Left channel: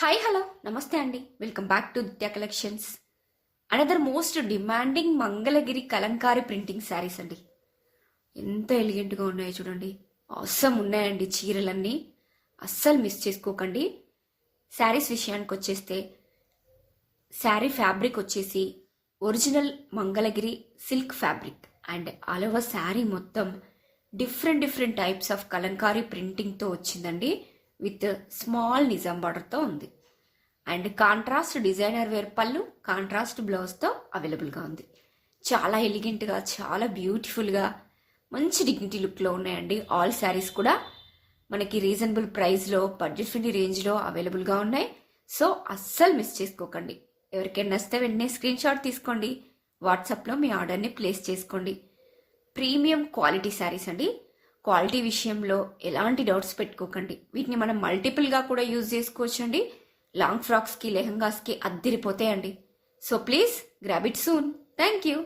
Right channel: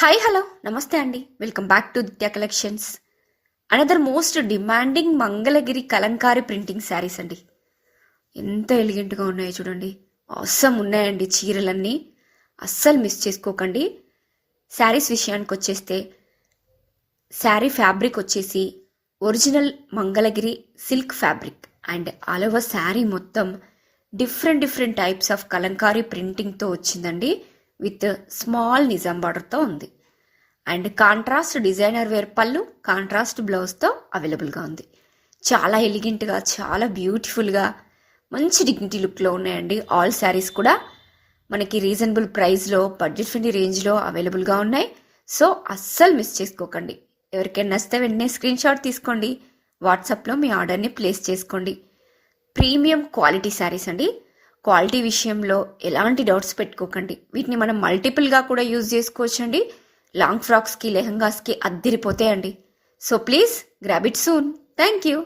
Hi hello నమస్తే అండి. Welcome back to దిత్య collections. Another most demanding Mangalagiri Kalamkari printing saris అండి. ఎంత ఎలిగెంట్గా ఉన్నాయో చూడండి. అవసరం ఉన్నాయండి చీరలన్నీ. అస్సలు మిస్ చేసుకోకండి. శారీస్ విషయానికి వచ్చేస్తే శారీ ఫ్యాబ్రిక్ వచ్చేసి original Mangalagiri silk fabric and all over sari మొత్తం డిఫరెంట్ టైప్స్ ఆఫ్ కలంకారీ ప్రింటింగ్తో వచ్చిందండి. విత్ స్మాల్ నిజాం బార్డర్తో ఉంది. అండ్ కాంట్రాస్ట్ డిజైనర్ వేర్ పళ్ళు, కాంట్రాస్ట్ బ్లౌజ్తో అవైలబుల్గా ఉంది. చాలా ఎలిగెంట్గా, చాలా బ్యూటిఫుల్గా, మంచి డిగ్నిటీ లుక్లో ఉన్నాయండి. ఆల్ శారీస్ కూడా మనకి రీజనబుల్ ప్రైస్లో, బడ్జెట్ ఫ్రెండ్లీ రేంజ్లో అవైలబుల్గా ఉన్నాయి. సో అస్సలు మిస్ చేసుకోకండి. ఎవరికైనా నచ్చితే వెంటనే స్క్రీన్ షాట్ తీసుకోండి. వాట్సాప్లో మీ ఆర్డర్ని ప్లేస్ చేసుకోండి. ప్రీమియం క్వాలిటీ శారీస్ అండి. క్వాలిటీ విషయంలో ఎలాంటి డౌట్స్ పెట్టుకోకండి. వీటిని మనం మల్టిపుల్గా కూడా యూజ్ చేసుకోవచ్చండి. లాంగ్ ఫ్రాక్స్కి, లెహంగాస్కి అద్దిరిపోతాయండి. So please grab it soon. Thank you.